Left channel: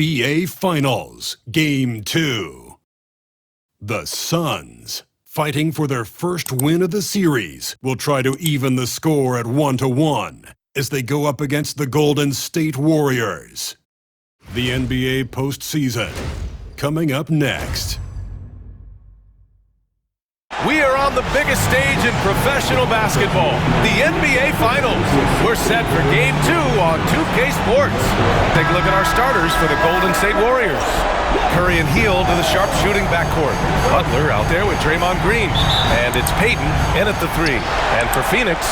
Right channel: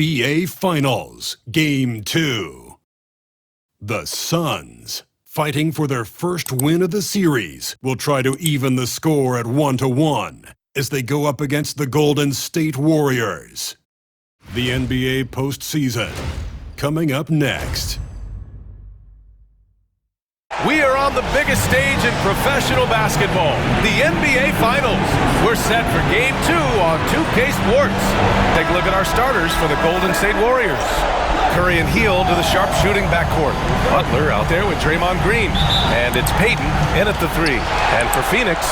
NBA Finals, Game 2. The Suns, fighting for their first win of the series, will try to even the score at 1-1 as they go up against the Golden State Warriors. The NBA postseason, coming up next. We are on the biggest stage in professional basketball, the NBA Finals. We're set for Game 2 on 2K Sports. Take a look at our starters for the Golden State Warriors. Curry and Hield to the sharpshooting backcourt. Butler out there with Draymond Green. And it's Payton in at the 3. And for Phoenix,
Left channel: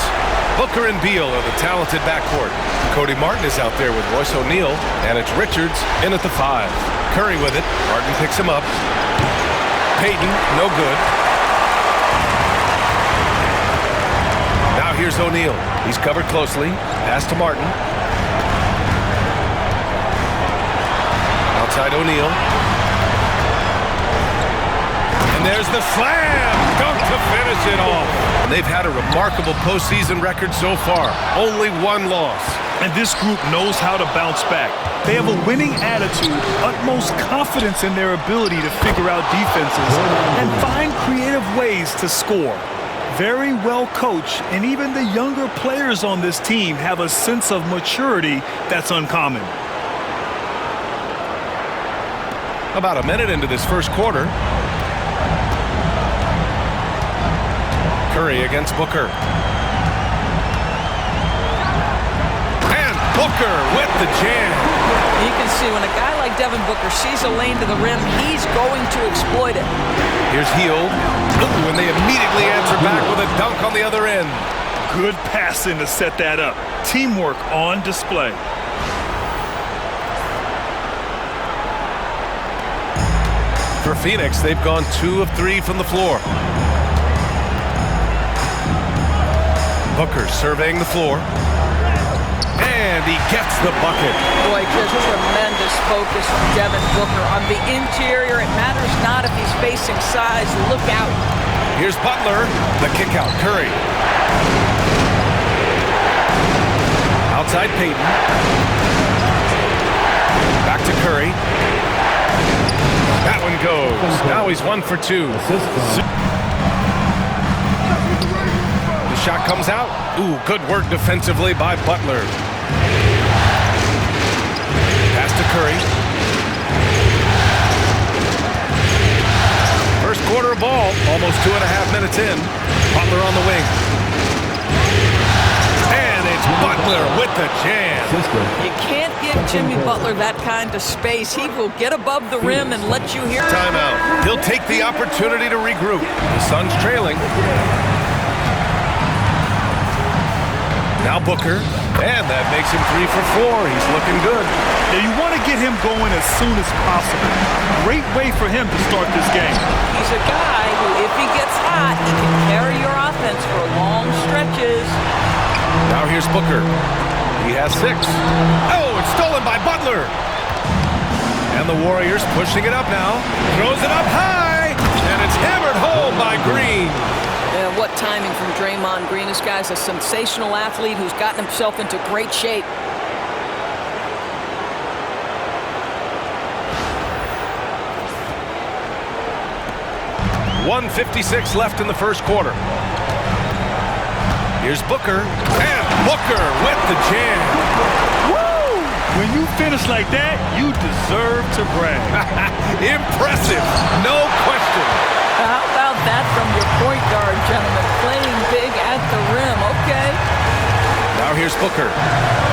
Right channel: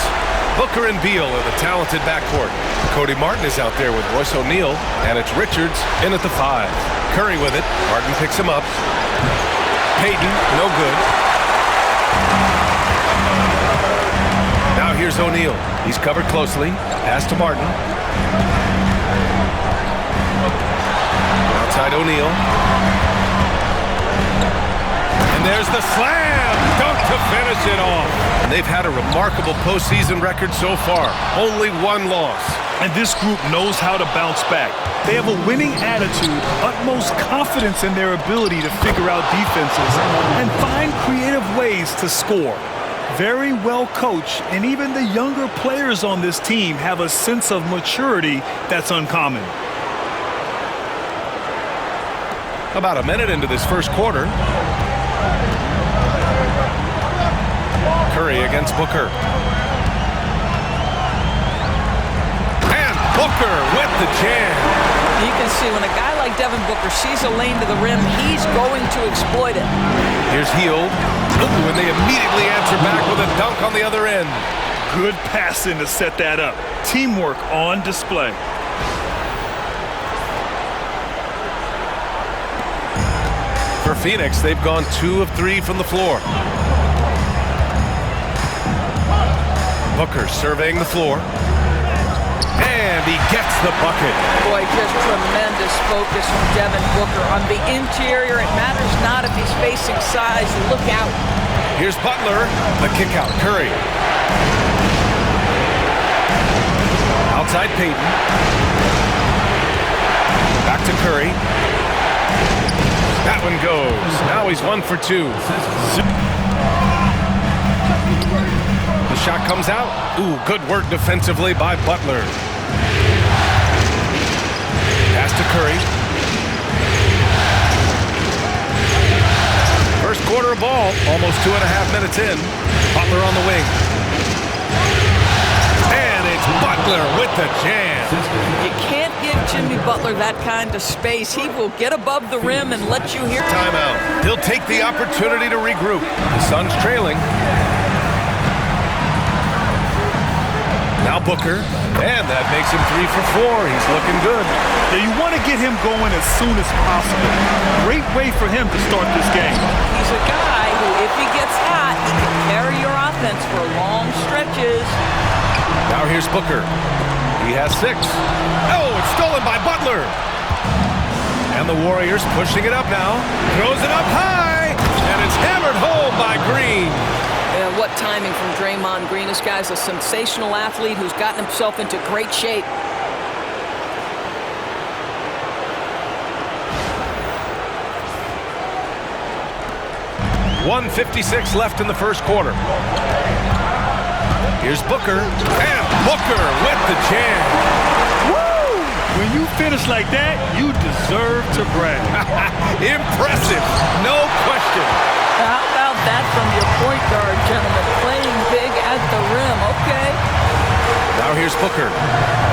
Booker and Beal are the talented backcourt. Cody Martin is out there with Royce O'Neal. And it's Richards in at the 5. Curry with it. Martin picks him up. Payton, no good. Now here's O'Neal. He's covered closely. Pass to Martin. Outside O'Neal. And there's the slam! Dunk to finish it off. And they've had a remarkable postseason record so far. Only one loss. And this group knows how to bounce back. They have a winning attitude, utmost confidence in their ability to figure out defenses, and find creative ways to score. Very well coached, and even the younger players on this team have a sense of maturity that's uncommon. About a minute into this first quarter. Curry against Booker. And Booker with the jam. You can see when a guy like Devin Booker sees a lane to the rim, he's going to exploit it. Here's Hield. Ooh, and they immediately answer back with a dunk on the other end. Good passing to set that up. Teamwork on display. For Phoenix, they've gone 2 of 3 from the floor. Booker surveying the floor. And he gets the bucket. Boy, just tremendous focus from Devin Booker. On the interior, it matters not if he's facing size. Look out. Here's Butler. The kick out. Curry. Outside Payton. Back to Curry. That one goes. Now he's 1 for 2. The shot comes out. Ooh, good work defensively by Butler. Pass to Curry. First quarter of ball, almost 2.5 minutes in. Butler on the wing. And it's Butler with the jam. You can't give Jimmy Butler that kind of space. He will get above the rim and let you hear. Timeout. He'll take the opportunity to regroup. The Suns trailing. Now Booker. And that makes him 3 for 4. He's looking good. Yeah, you want to get him going as soon as possible. Great way for him to start this game. He's a guy who, if he gets hot, he can carry your offense for long stretches. Now here's Booker. He has 6. Oh, it's stolen by Butler. And the Warriors pushing it up now. Throws it up high. And it's hammered home by Green. Yeah, what timing from Draymond Green. This guy's a sensational athlete who's gotten himself into great shape. .156 left in the first quarter. Here's Booker. And Booker with the jam. Woo! When you finish like that, you deserve to brag. Impressive, no question. How about that from your point guard, gentlemen? Playing big at the rim, okay. Now here's Booker.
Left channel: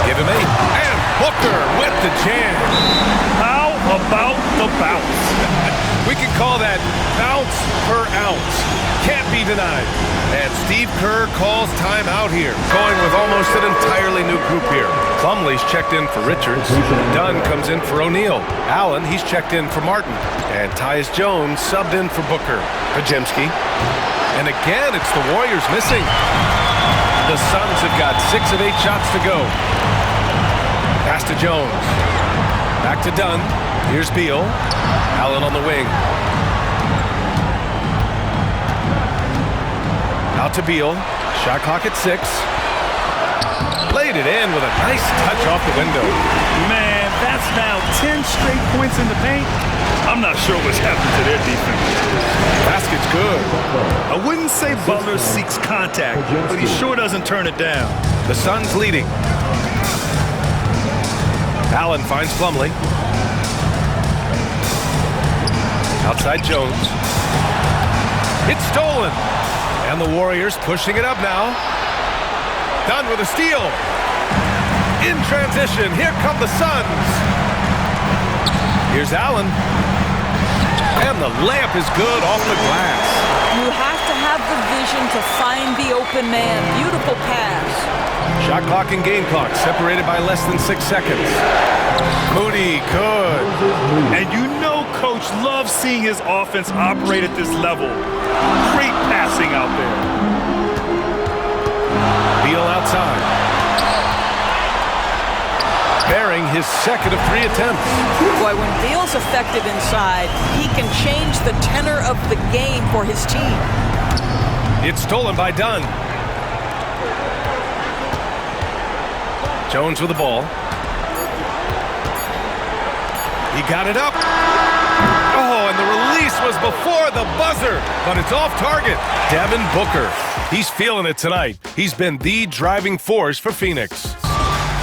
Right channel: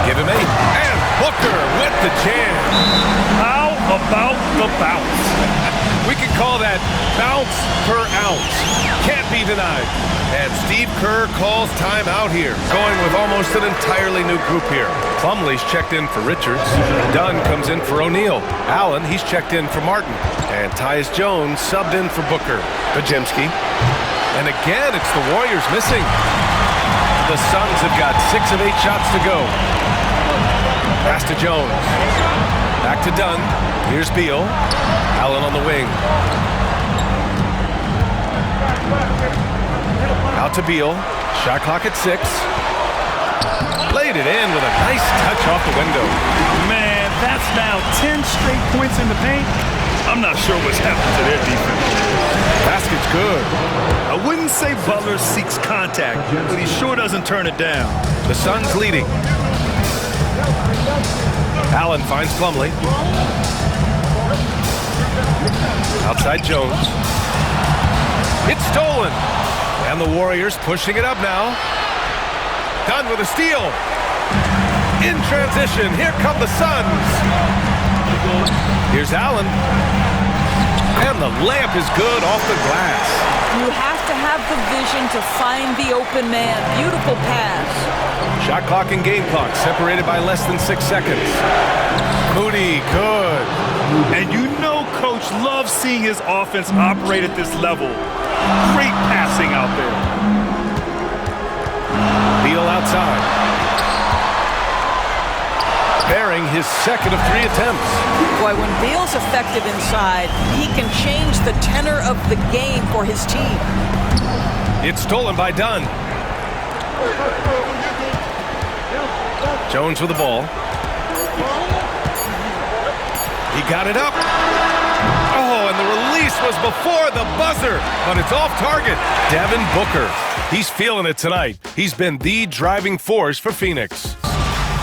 Give him 8. And Booker with the jam. How about the bounce? We can call that bounce per ounce. Can't be denied. And Steve Kerr calls timeout here. Going with almost an entirely new group here. Plumlee's checked in for Richards. Dunn comes in for O'Neal. Allen, he's checked in for Martin. And Tyus Jones subbed in for Booker. Pajemski. And again, it's the Warriors missing. The Suns have got 6 of 8 shots to go. Pass to Jones. Back to Dunn. Here's Beal. Allen on the wing. Out to Beal. Shot clock at 6. Laid it in with a nice touch off the window. Man, That's now 10 straight points in the paint. I'm not sure what's happened to their defense. Basket's good. I wouldn't say Butler seeks contact, but he sure doesn't turn it down. The Suns leading. Allen finds Plumlee. Outside Jones. It's stolen. And the Warriors pushing it up now. Dunn with a steal. In transition, here come the Suns. Here's Allen. And the layup is good off the glass. You have to have the vision to find the open man. Beautiful pass. Shot clock and game clock separated by less than 6 seconds. Moody, good. And you know Coach loves seeing his offense operate at this level. Great passing out there. Beal outside. Bearing his second of 3 attempts. Boy, when Beal's effective inside, he can change the tenor of the game for his team. It's stolen by Dunn. Jones with the ball. He got it up. Oh, and the release was before the buzzer, but it's off target. Devin Booker. He's feeling it tonight. He's been the driving force for Phoenix.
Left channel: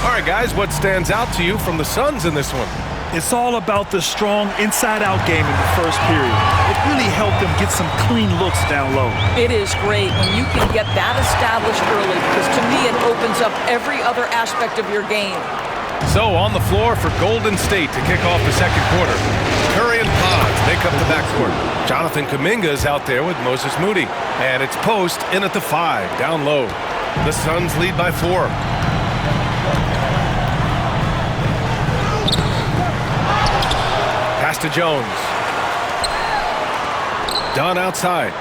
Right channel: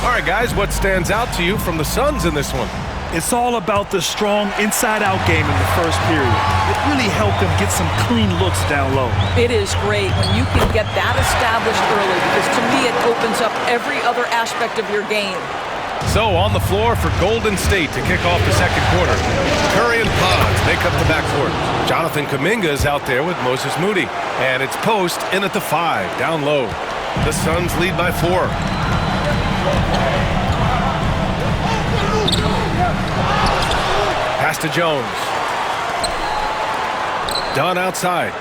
All right, guys, what stands out to you from the Suns in this one? It's all about the strong inside-out game in the first period. It really helped them get some clean looks down low. It is great when you can get that established early because, to me, it opens up every other aspect of your game. So, on the floor for Golden State to kick off the second quarter. Curry and Pons make up the backcourt. Jonathan Kuminga is out there with Moses Moody. And it's Post in at the 5, down low. The Suns lead by 4. Pass to Jones. Dunn outside.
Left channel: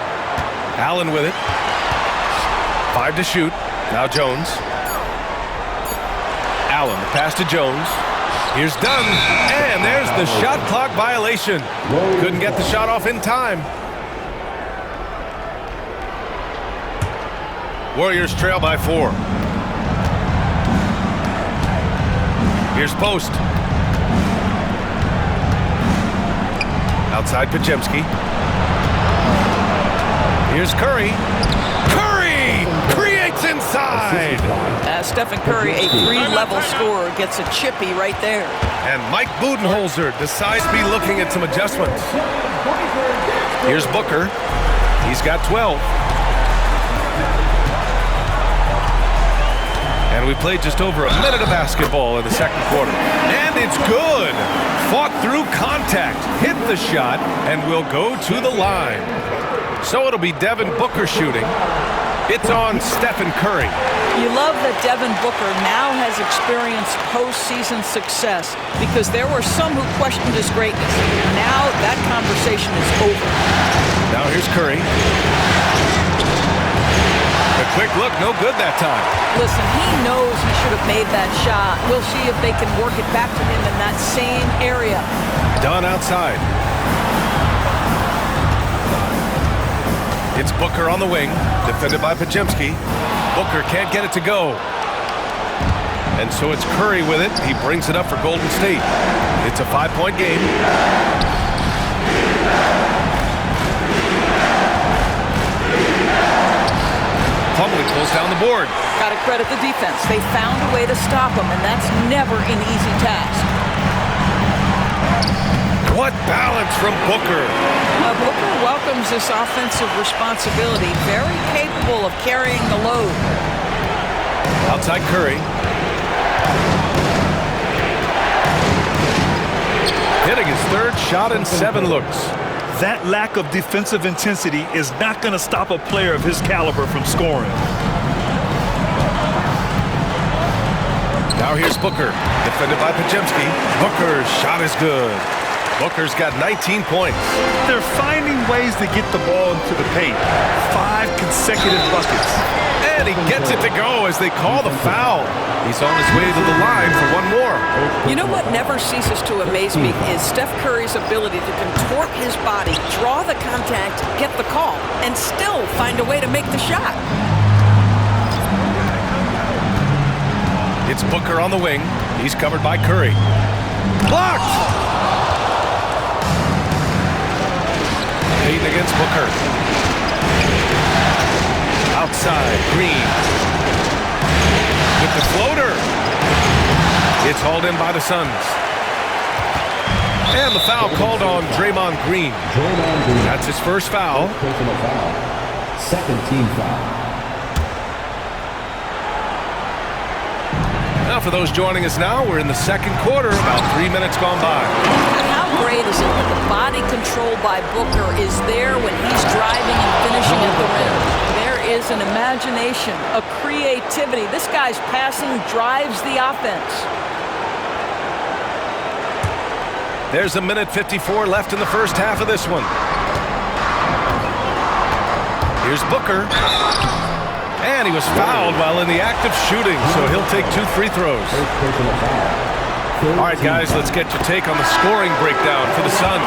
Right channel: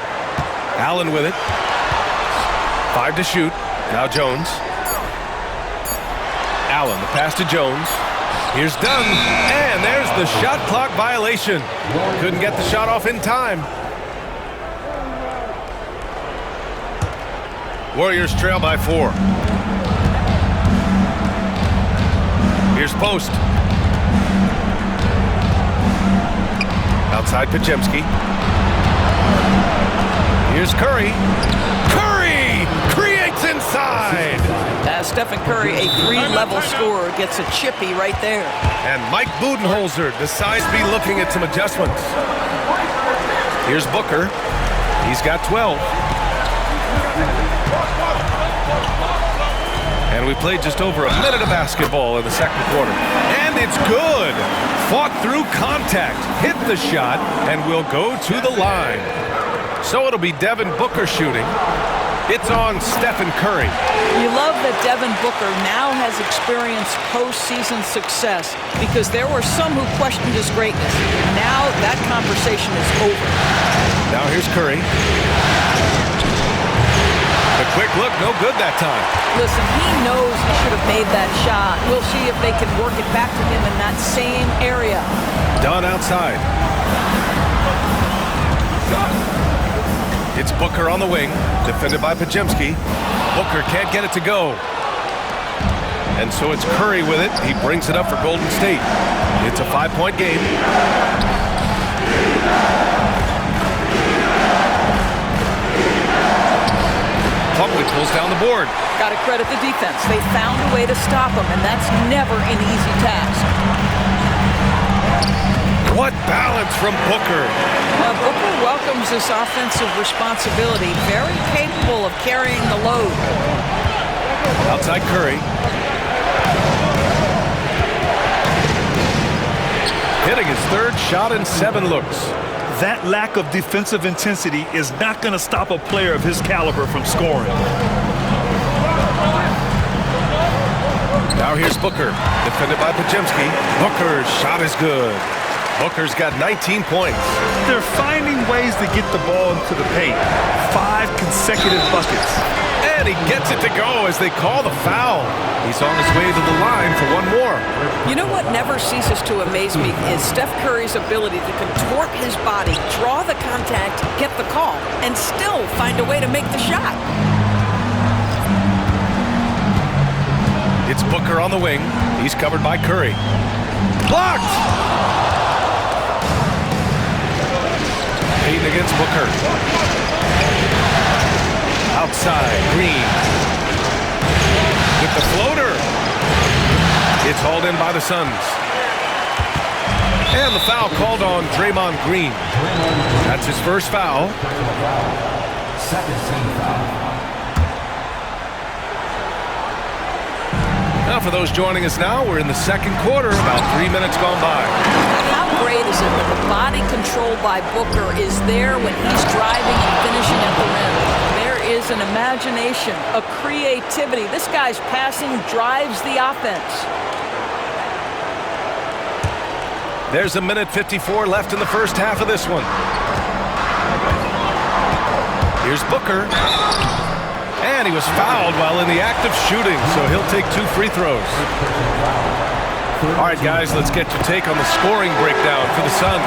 Allen with it. 5 to shoot. Now Jones. Allen, the pass to Jones. Here's Dunn. And there's the shot clock violation. Couldn't get the shot off in time. Warriors trail by 4. Here's Post. Outside Podziemski. Here's Curry. Curry creates inside. Stephen Curry, a 3-level scorer, gets a chippy right there. And Mike Budenholzer decides to be looking at some adjustments. Here's Booker. He's got 12. And we played just over a minute of basketball in the second quarter. And it's good. Fought through contact, hit the shot, and will go to the line. So it'll be Devin Booker shooting. It's on Stephen Curry. You love that Devin Booker now has experienced postseason success because there were some who questioned his greatness. Now that conversation is over. Now here's Curry. A quick look, no good that time. Listen, he knows he should have made that shot. We'll see if they can work it back to him in that same area. Dunn outside. It's Booker on the wing, defended by Podziemski. Booker can't get it to go. And so it's Curry with it. He brings it up for Golden State. It's a 5-point game. Plumlee pulls down the board. Got to credit the defense. They found a way to stop him, and that's never an easy task. What balance from Booker. Booker welcomes this offensive responsibility. Very capable of carrying the load. Outside Curry. Hitting his 3rd shot in 7 looks. That lack of defensive intensity is not going to stop a player of his caliber from scoring. Now here's Booker, defended by Podziemski. Booker's shot is good. Booker's got 19 points. They're finding ways to get the ball into the paint. 5 consecutive buckets. And he gets it to go as they call the foul. He's on his way to the line for one more. You know what never ceases to amaze me is Steph Curry's ability to contort his body, draw the contact, get the call, and still find a way to make the shot. It's Booker on the wing. He's covered by Curry. Blocked! Payton against Booker. Outside, Green. With the floater. It's hauled in by the Suns. And the foul called on Draymond Green. That's his first foul. Personal foul. Second team foul. Now for those joining us now, we're in the second quarter, about 3 minutes gone by. How great is it that the body control by Booker is there when he's driving and finishing at the rim? There is an imagination, a creativity. This guy's passing drives the offense. There's a minute 54 left in the first half of this one. Here's Booker. And he was fouled while in the act of shooting, so he'll take 2 free throws. All right, guys, let's get your take on the scoring breakdown for the Suns.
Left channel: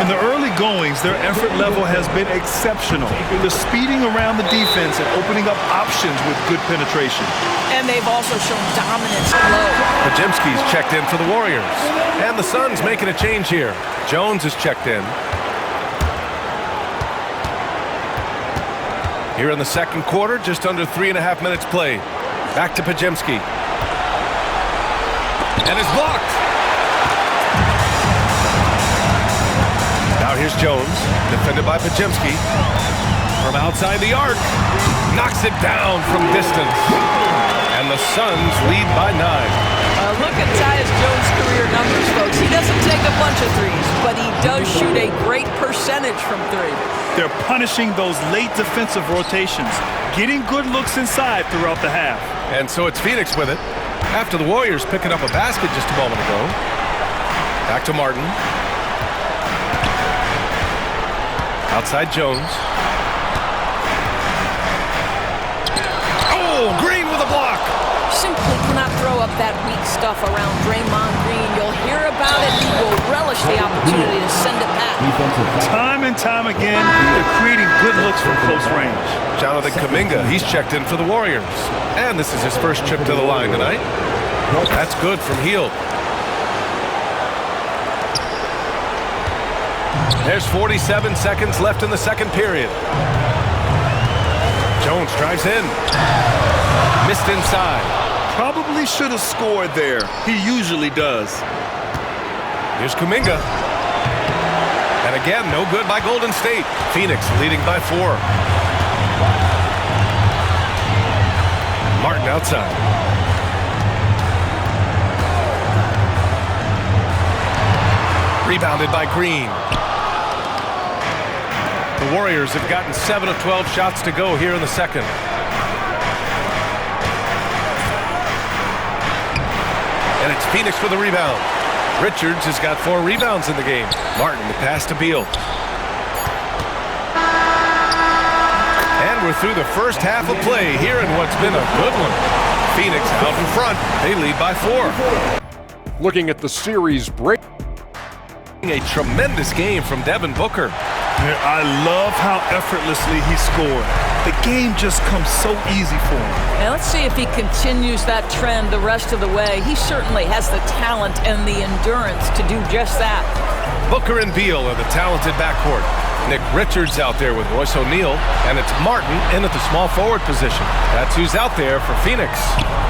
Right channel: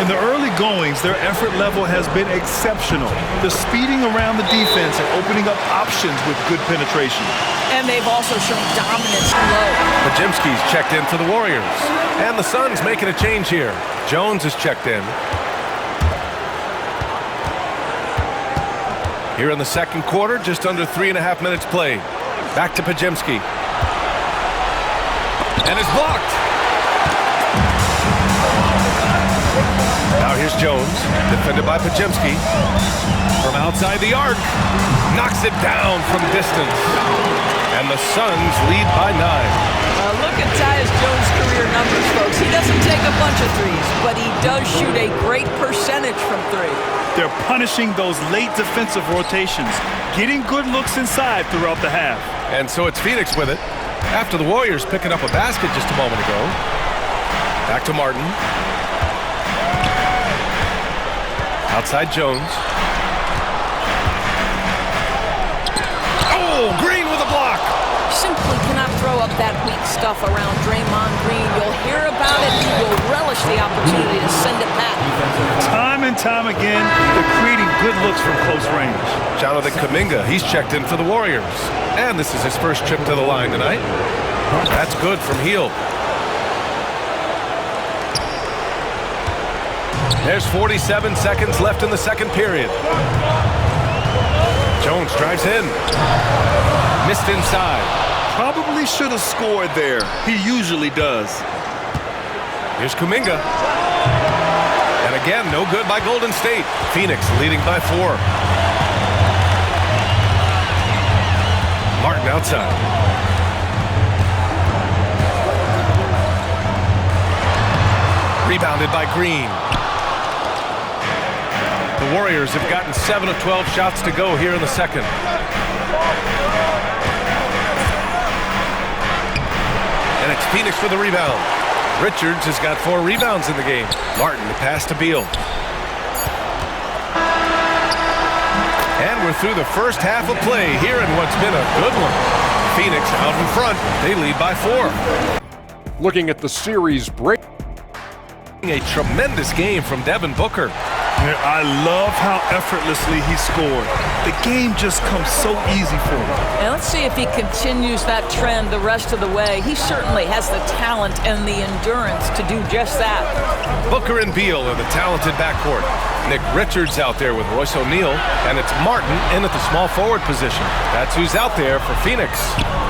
In the early goings, their effort level has been exceptional. They're speeding around the defense and opening up options with good penetration. And they've also shown dominance low. Pajimski's checked in for the Warriors. And the Suns making a change here. Jones is checked in. Here in the second quarter, just under 3.5 minutes played. Back to Pajimski. And it's blocked. Now here's Jones, defended by Pajimski. From outside the arc, knocks it down from distance. And the Suns lead by 9. Look at Tyus Jones' career numbers, folks. He doesn't take a bunch of threes, but he does shoot a great percentage from 3. They're punishing those late defensive rotations, getting good looks inside throughout the half. And so it's Phoenix with it. After the Warriors picking up a basket just a moment ago. Back to Martin. Outside Jones. Oh, Green with a block. Simply cannot throw up that weak stuff around Draymond Green. You'll hear about it. He will relish the opportunity to send it back. Time and time again, they're creating good looks from close range. Jonathan Kuminga, he's checked in for the Warriors. And this is his first trip to the line tonight. That's good from Hield. There's 47 seconds left in the second period. Jones drives in. Missed inside. Probably should have scored there. He usually does. Here's Kuminga. And again, no good by Golden State. Phoenix leading by 4. Martin outside. Rebounded by Green. The Warriors have gotten 7 of 12 shots to go here in the second. And it's Phoenix for the rebound. Richards has got 4 rebounds in the game. Martin, the pass to Beal. And we're through the first half of play here in what's been a good one. Phoenix out in front. They lead by 4. Looking at the series break. A tremendous game from Devin Booker. I love how effortlessly he scored. The game just comes so easy for him. And let's see if he continues that trend the rest of the way. He certainly has the talent and the endurance to do just that. Booker and Beal are the talented backcourt. Nick Richards out there with Royce O'Neal, and it's Martin in at the small forward position. That's who's out there for Phoenix.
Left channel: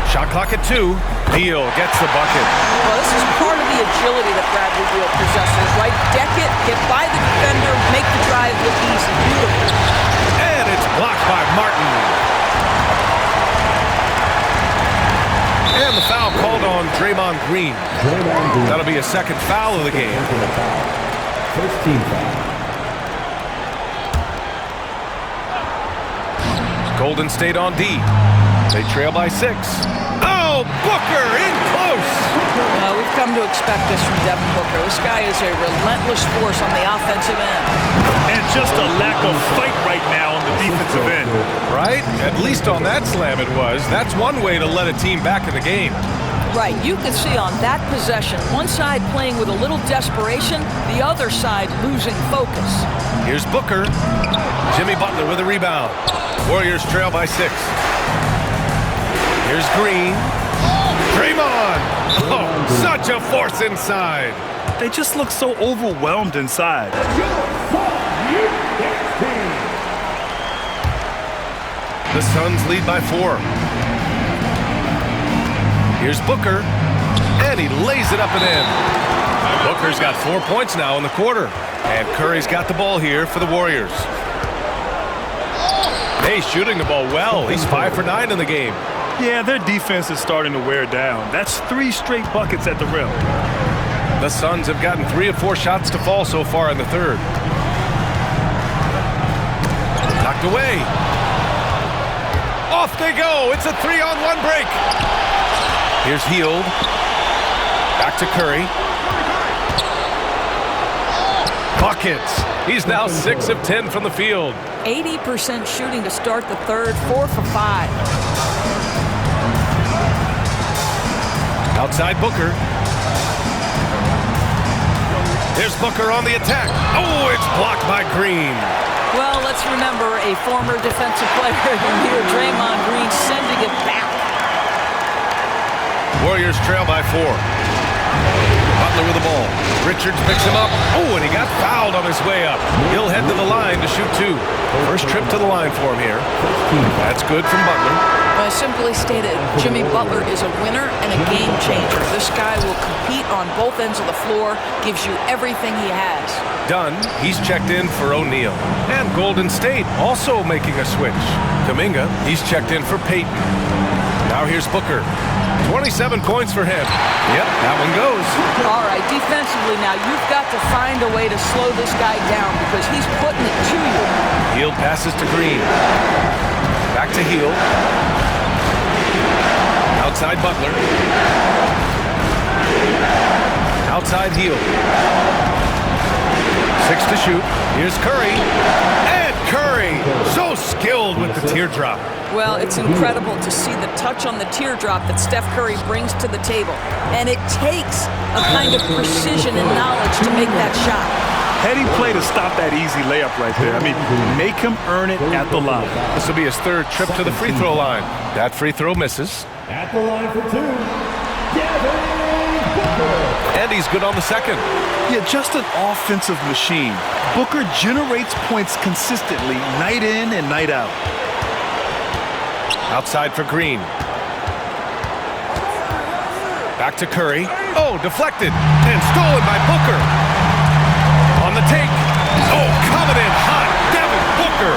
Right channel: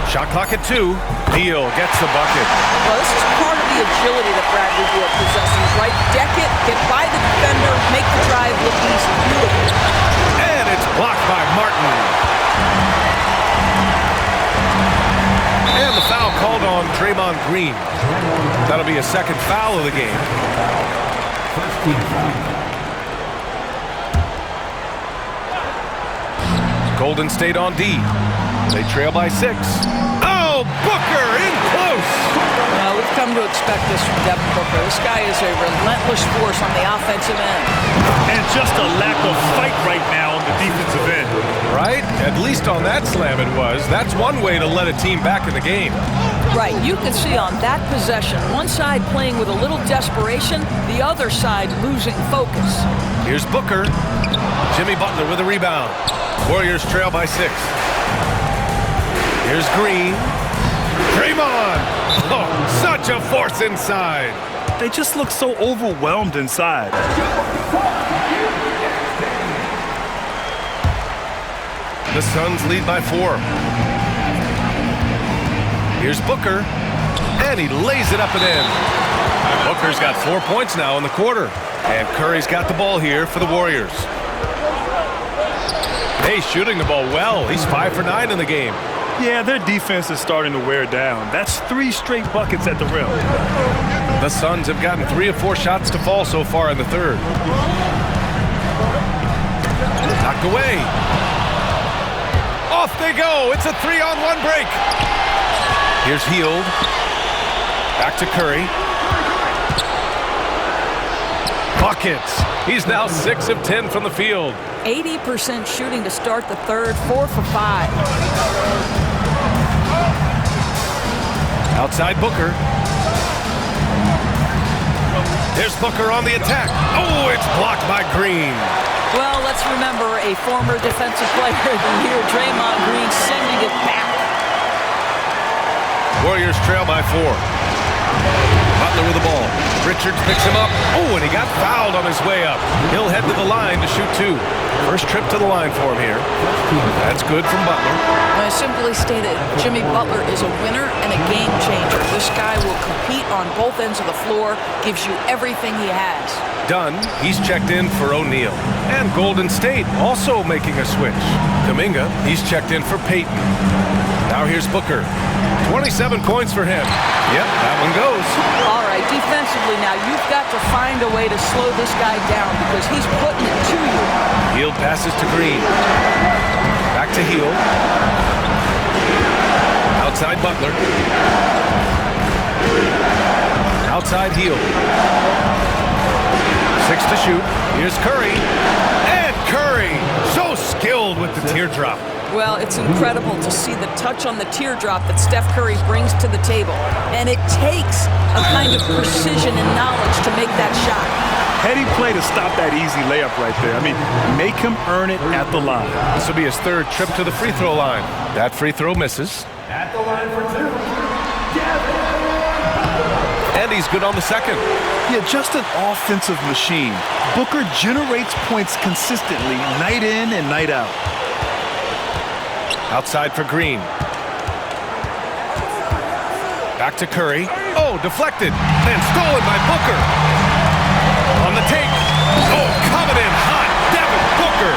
Shot clock at 2. Beal gets the bucket. Well, this is part of the agility that Bradley Beal possesses, right? Deck it, get by the defender, make the drive look easy. Beautiful. And it's blocked by Martin. And the foul called on Draymond Green. That'll be a second foul of the game. First team foul. Golden State on D. They trail by 6. Oh, Booker in close. Well, we've come to expect this from Devin Booker. This guy is a relentless force on the offensive end. And just a lack of fight right now on the defensive end. Right? At least on that slam it was. That's one way to let a team back in the game. Right, you can see on that possession, one side playing with a little desperation, the other side losing focus. Here's Booker. Jimmy Butler with a rebound. Warriors trail by 6. Here's Green. Draymond! Oh, such a force inside. They just look so overwhelmed inside. The Suns lead by 4. Here's Booker, and he lays it up and in. Booker's got 4 points now in the quarter, and Curry's got the ball here for the Warriors. Hey, shooting the ball well. He's 5 for 9 in the game. Yeah, their defense is starting to wear down. That's 3 straight buckets at the rim. The Suns have gotten 3 of 4 shots to fall so far in the third. Knocked away. Off they go. It's a 3-on-1 break. Here's Hield. Back to Curry. Buckets. He's now 6 of 10 from the field. 80% shooting to start the third, 4 for 5. Outside Booker. There's Booker on the attack. Oh, it's blocked by Green. Well, let's remember a former defensive player of the year, Draymond Green, sending it back. Warriors trail by 4. Butler with the ball. Richards picks him up. Oh, and he got fouled on his way up. He'll head to the line to shoot 2. First trip to the line for him here. That's good from Butler. Well, simply stated, Jimmy Butler is a winner and a game changer. This guy will compete on both ends of the floor, gives you everything he has. Dunn, he's checked in for O'Neal. And Golden State also making a switch. Kuminga, he's checked in for Payton. Now here's Booker. 27 points for him. Yep, that one goes. All right, defensively now, you've got to find a way to slow this guy down because he's putting it to you. Hield passes to Green. Back to Hield. Outside Butler. Outside Hield. 6 to shoot. Here's Curry. And Curry, so skilled with the teardrop. Well, it's incredible to see the touch on the teardrop that Steph Curry brings to the table. And it takes a kind of precision and knowledge to make that shot. Heady play to stop that easy layup right there. I mean, make him earn it at the line. This will be his 3rd trip to the free throw line. That free throw misses. At the line for 2, Devin Booker. And he's good on the 2nd. Yeah, just an offensive machine. Booker generates points consistently, night in and night out. Outside for Green. Back to Curry. Oh, deflected and stolen by Booker. On the take. Oh, coming in hot. Devin Booker.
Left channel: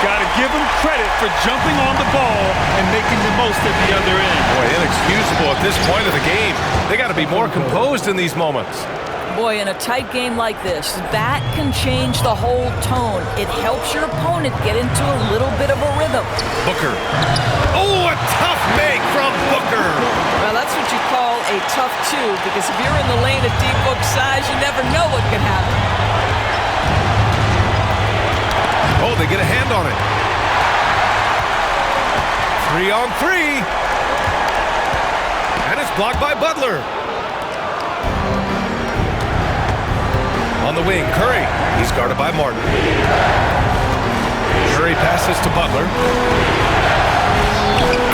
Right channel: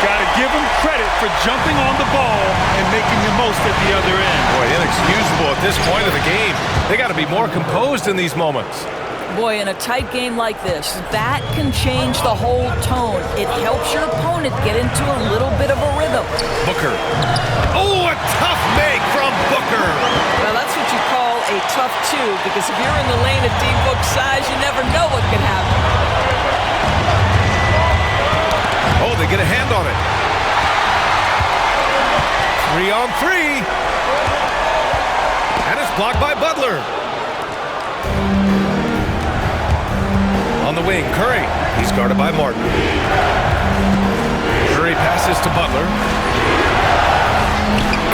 Got to give him credit for jumping on the ball and making the most at the other end. Boy, inexcusable at this point of the game. They got to be more composed in these moments. Boy, in a tight game like this, that can change the whole tone. It helps your opponent get into a little bit of a rhythm. Booker. Oh, a tough make from Booker. Well, that's what you call a tough 2, because if you're in the lane at D-Book size, you never know what could happen. Oh, they get a hand on it. 3-on-3. And it's blocked by Butler. On the wing, Curry. He's guarded by Martin. Curry passes to Butler.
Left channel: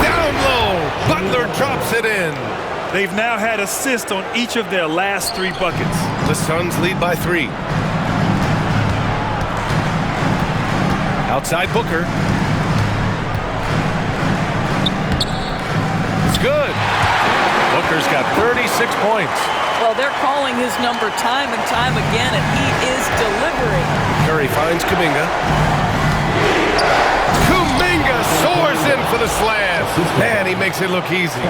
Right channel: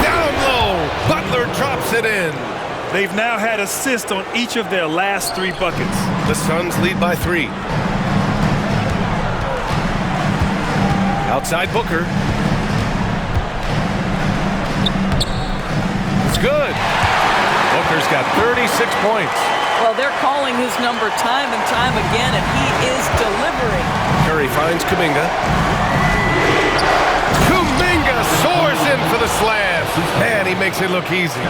Down low. Butler drops it in. They've now had assists on each of their last 3 buckets. The Suns lead by 3. Outside Booker. It's good. Booker's got 36 points. Well, they're calling his number time and time again, and he is delivering. Curry finds Kuminga. Kuminga soars in for the slam. Man, he makes it look easy.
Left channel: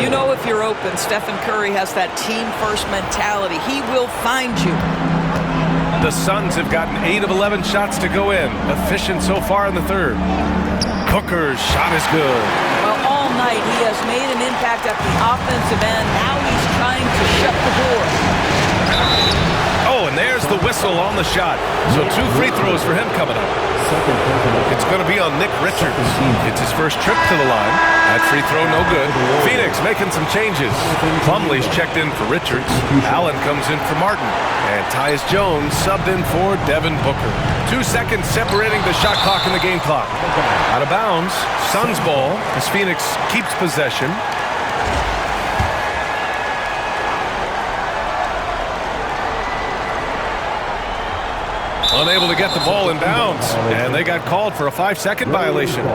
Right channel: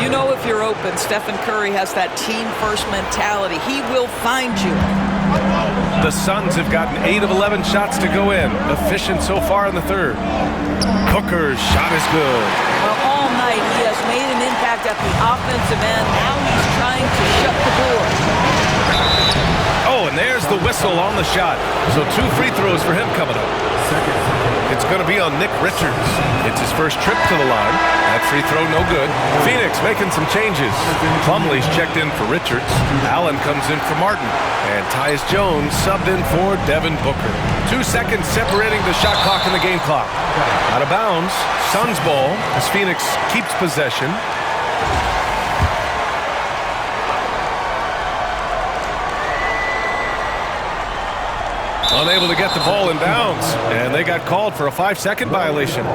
You know, if you're open, Stephen Curry has that team-first mentality. He will find you. The Suns have gotten 8 of 11 shots to go in. Efficient so far in the third. Booker's shot is good. Well, all night he has made an impact at the offensive end. Now he's trying to shut the door. Oh, and there's the whistle on the shot. So 2 free throws for him coming up. It's going to be on Nick Richards. It's his first trip to the line. That free throw no good. Phoenix making some changes. Plumlee's checked in for Richards. Allen comes in for Martin. And Tyus Jones subbed in for Devin Booker. 2 seconds separating the shot clock and the game clock. Out of bounds. Suns ball as Phoenix keeps possession. Unable to get the ball in bounds, and they got called for a 5-second violation.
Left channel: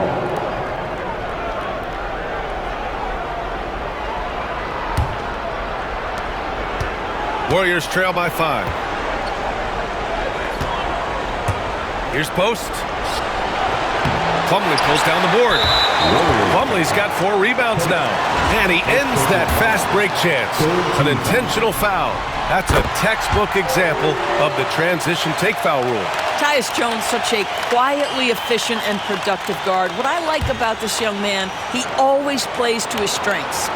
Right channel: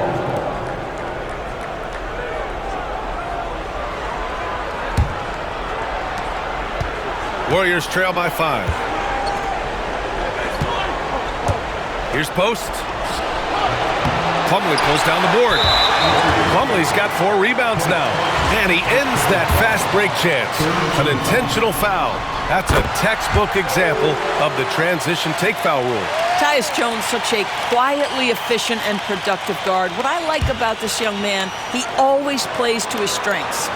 Warriors trail by 5. Here's post. Plumlee pulls down the board. Plumlee's got 4 rebounds now, and he ends that fast break chance. An intentional foul. That's a textbook example of the transition take foul rule. Tyus Jones, such a quietly efficient and productive guard. What I like about this young man, he always plays to his strengths.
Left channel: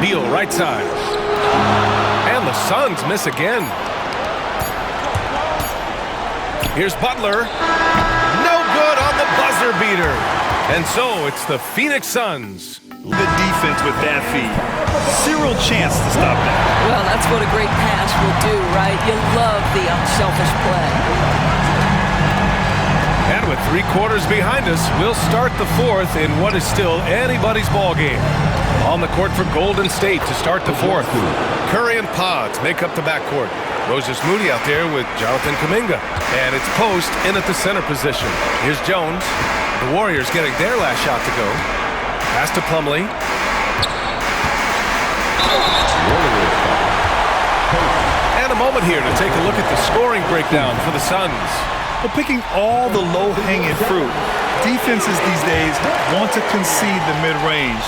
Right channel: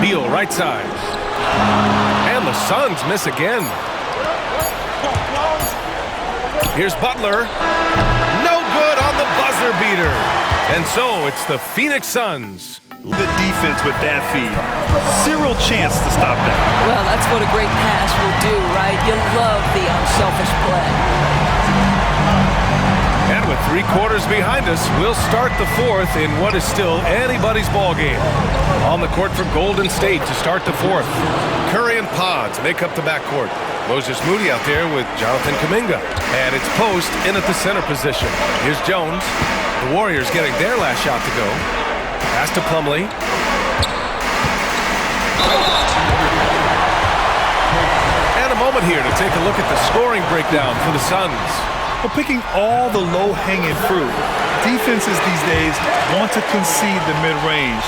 Beal right side. And the Suns miss again. Here's Butler. No good on the buzzer beater. And so it's the Phoenix Suns. The defense with that feed. Zero chance to stop that. Well, that's what a great pass will do, right? You love the unselfish play. And with 3 quarters behind us, we'll start the 4th in what is still anybody's ball game. On the court for Golden State to start the 4th. Curry and Pods make up the backcourt. Moses Moody out there with Jonathan Kuminga. And it's Post in at the center position. Here's Jones. The Warriors getting their last shot to go. Pass to Plumlee. And a moment here to take a look at the scoring breakdown for the Suns. Well, picking all the low-hanging fruit. Defenses these days want to concede the mid-range,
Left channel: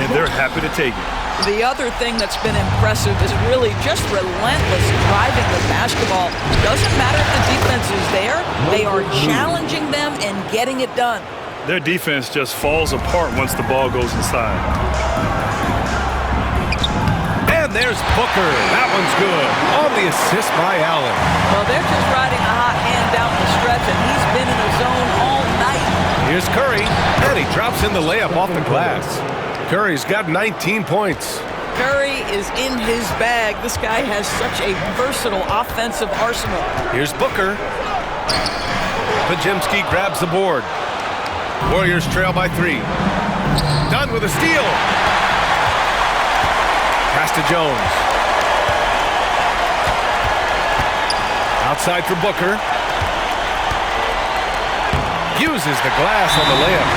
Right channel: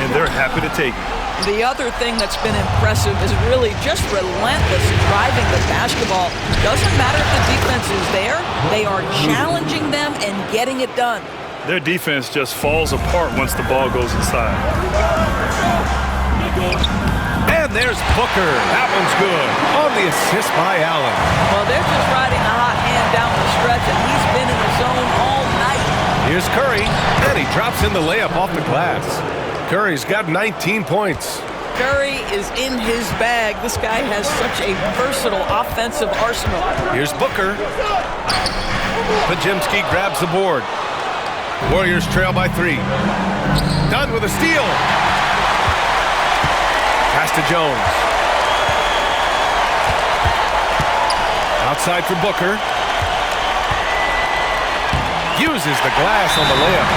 and they're happy to take it. The other thing that's been impressive is really just relentless driving the basketball. Doesn't matter if the defense is there, they are challenging them and getting it done. Their defense just falls apart once the ball goes inside. And there's Booker. That one's good. On the assist by Allen. Well, they're just riding a hot hand down the stretch, and he's been in the zone all night. Here's Curry, and he drops in the layup off the glass. Curry's got 19 points. Curry is in his bag. This guy has such a versatile offensive arsenal. Here's Booker. Podziemski grabs the board. Warriors trail by 3. Done with a steal. Pass to Jones. Outside for Booker. Uses the glass on the layup.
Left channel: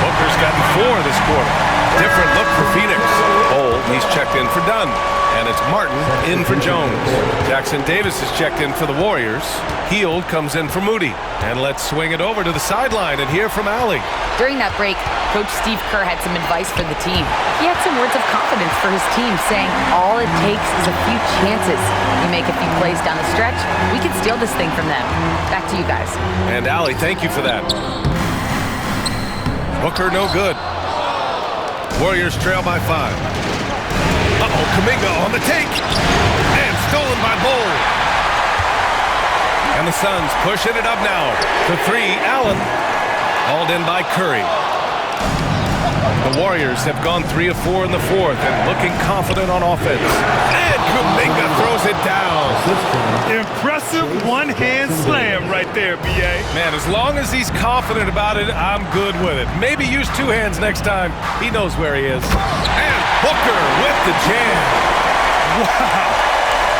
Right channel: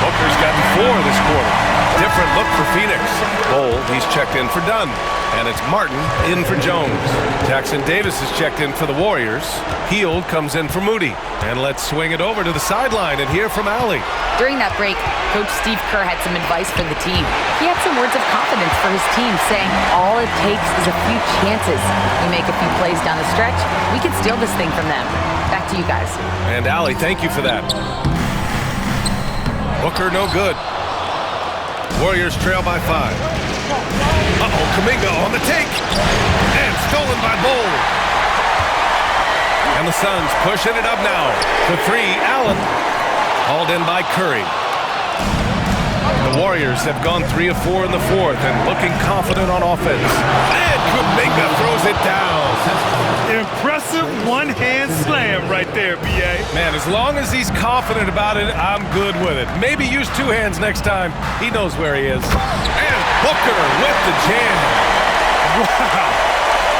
Booker's gotten 4 this quarter. Different look for Phoenix. Bol, he's checked in for Dunn. And it's Martin in for Jones. Jackson Davis is checked in for the Warriors. Heald comes in for Moody. And let's swing it over to the sideline and hear from Allie. During that break, Coach Steve Kerr had some advice for the team. He had some words of confidence for his team, saying all it takes is a few chances. We make a few plays down the stretch, we can steal this thing from them. Back to you guys. And Allie, thank you for that. Booker no good. Warriors trail by 5. Uh-oh, Kuminga on the take. And stolen by Bol. And the Suns pushing it up now. The 3, Allen. Hauled in by Curry. The Warriors have gone 3 of 4 in the 4th and looking confident on offense. And Kuminga throws it down. Impressive one-hand slam right there, B.A. Man, as long as he's confident about it, I'm good with it. Maybe use 2 hands next time. He knows where he is. And Booker with the jam. Wow.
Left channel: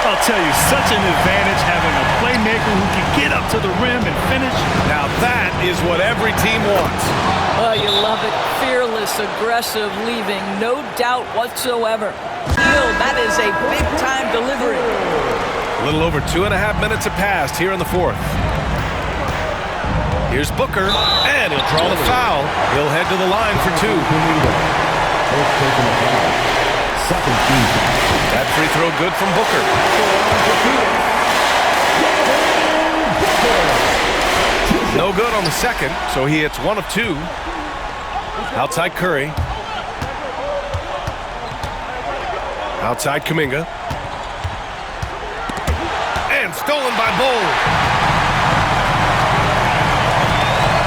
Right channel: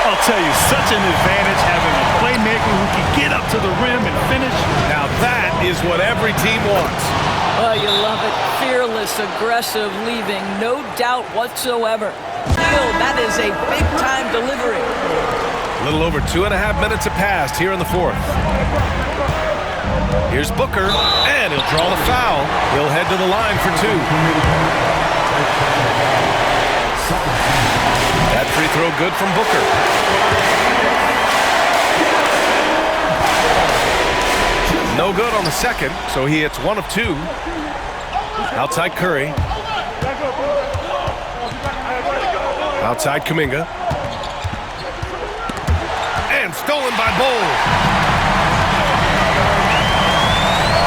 I'll tell you, such an advantage having a playmaker who can get up to the rim and finish. Now that is what every team wants. Oh, you love it. Fearless, aggressive, leaving, no doubt whatsoever. Heald, that is a big-time delivery. A little over 2.5 minutes have passed here in the 4th. Here's Booker, and he'll draw the foul. He'll head to the line for 2. That free throw good from Booker. No good on the second, so he hits 1 of 2. Outside Curry. Outside Kuminga. And stolen by Bol.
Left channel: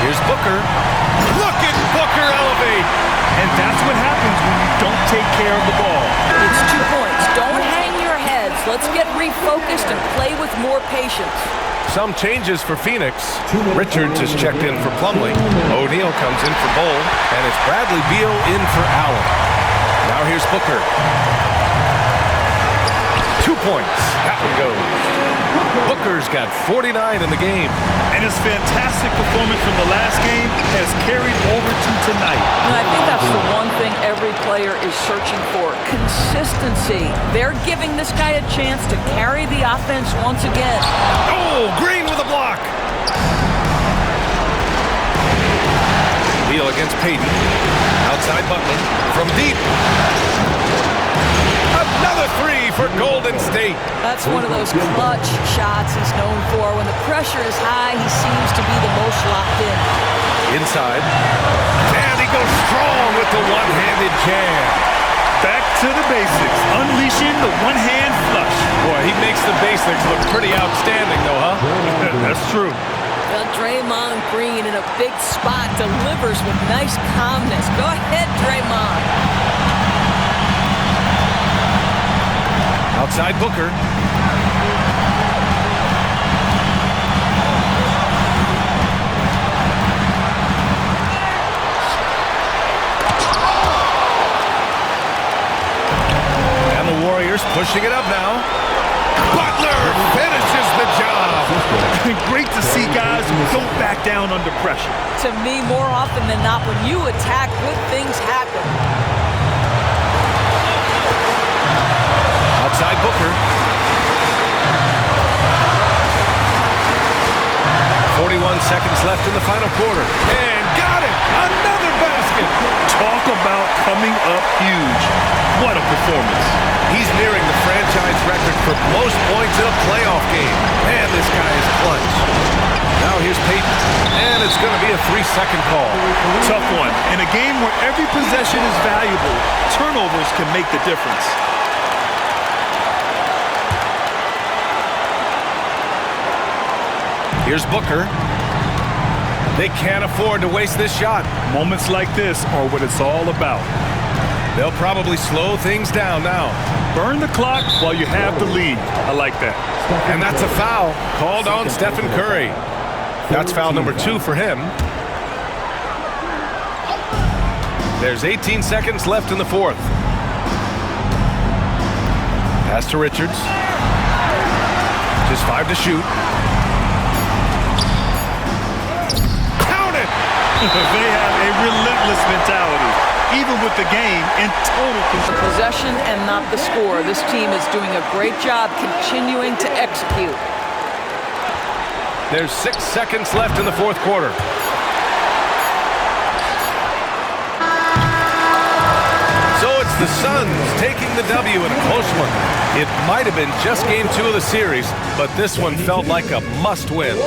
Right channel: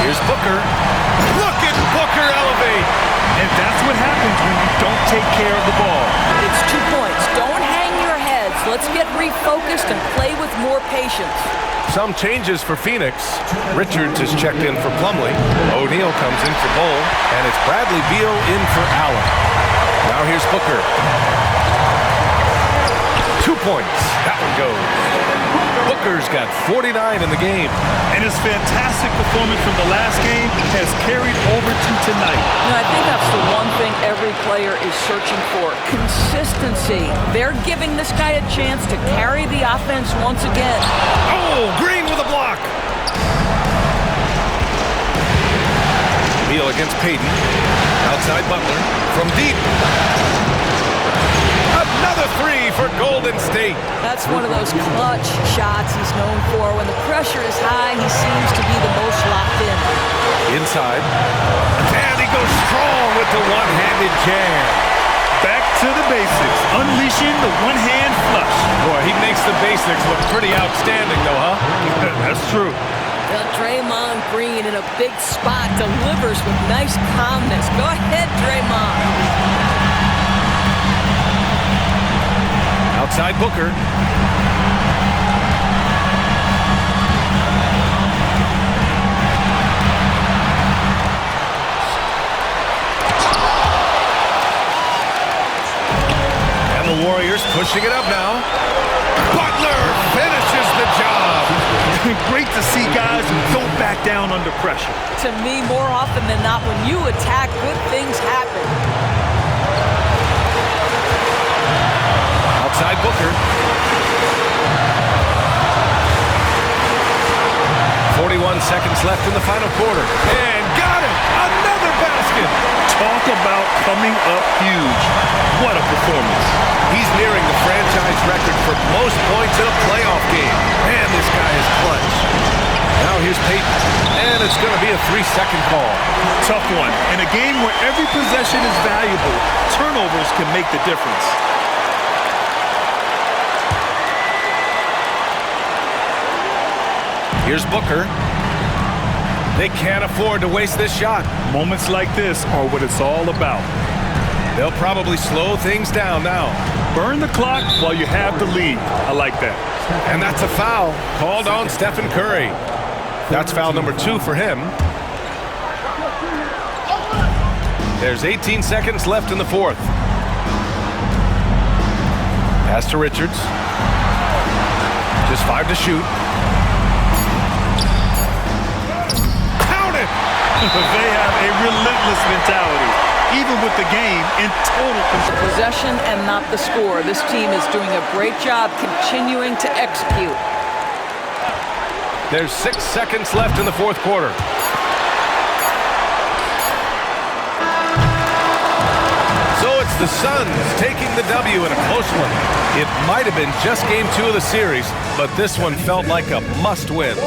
Here's Booker. Look at Booker elevate. And that's what happens when you don't take care of the ball. It's 2 points. Don't hang your heads. Let's get refocused and play with more patience. Some changes for Phoenix. Richards is checked in for Plumlee. O'Neal comes in for Bol. And it's Bradley Beal in for Allen. Now here's Booker. 2 points. That one goes. Booker's got 49 in the game. And his fantastic performance from the last game has carried over to tonight. And I think that's the one thing every player is searching for, consistency. They're giving this guy a chance to carry the offense once again. Oh, Green with a block. Beal against Payton. Outside Butler. From deep. Another three for Golden State. That's one of those clutch shots he's known for. When the pressure is high, he seems to be the most locked in. Inside. And he goes strong with the one-handed jam. Back to the basics, unleashing the one-hand flush. Boy, he makes the basics look pretty outstanding, though, huh? That's true. Well, Draymond Green in a big spot delivers with nice calmness. Go ahead, Draymond. Outside Booker. And the Warriors pushing it up now. Butler finishes the job. Great to see guys who don't back down under pressure. To me, more often than not, when you attack, good things happen. Outside Booker. 41 seconds left in the final quarter. And got it! Another basket! Talk about coming up huge. What a performance. He's nearing the franchise record for most points in a playoff game. Man, this guy is clutch. Now here's Payton. And it's going to be a 3-second call. Tough one. In a game where every possession is valuable, turnovers can make the difference. Here's Booker. They can't afford to waste this shot. Moments like this are what it's all about. They'll probably slow things down now. Burn the clock while you have the lead. I like that. And that's a foul called on Stephen Curry. That's foul number 2 for him. There's 18 seconds left in the fourth. Pass to Richards. Just 5 to shoot. They have a relentless mentality, even with the game in total control. The possession and not the score. This team is doing a great job continuing to execute. There's 6 seconds left in the fourth quarter. So it's the Suns taking the W in a close one. It might have been just game 2 of the series, but this one felt like a must-win.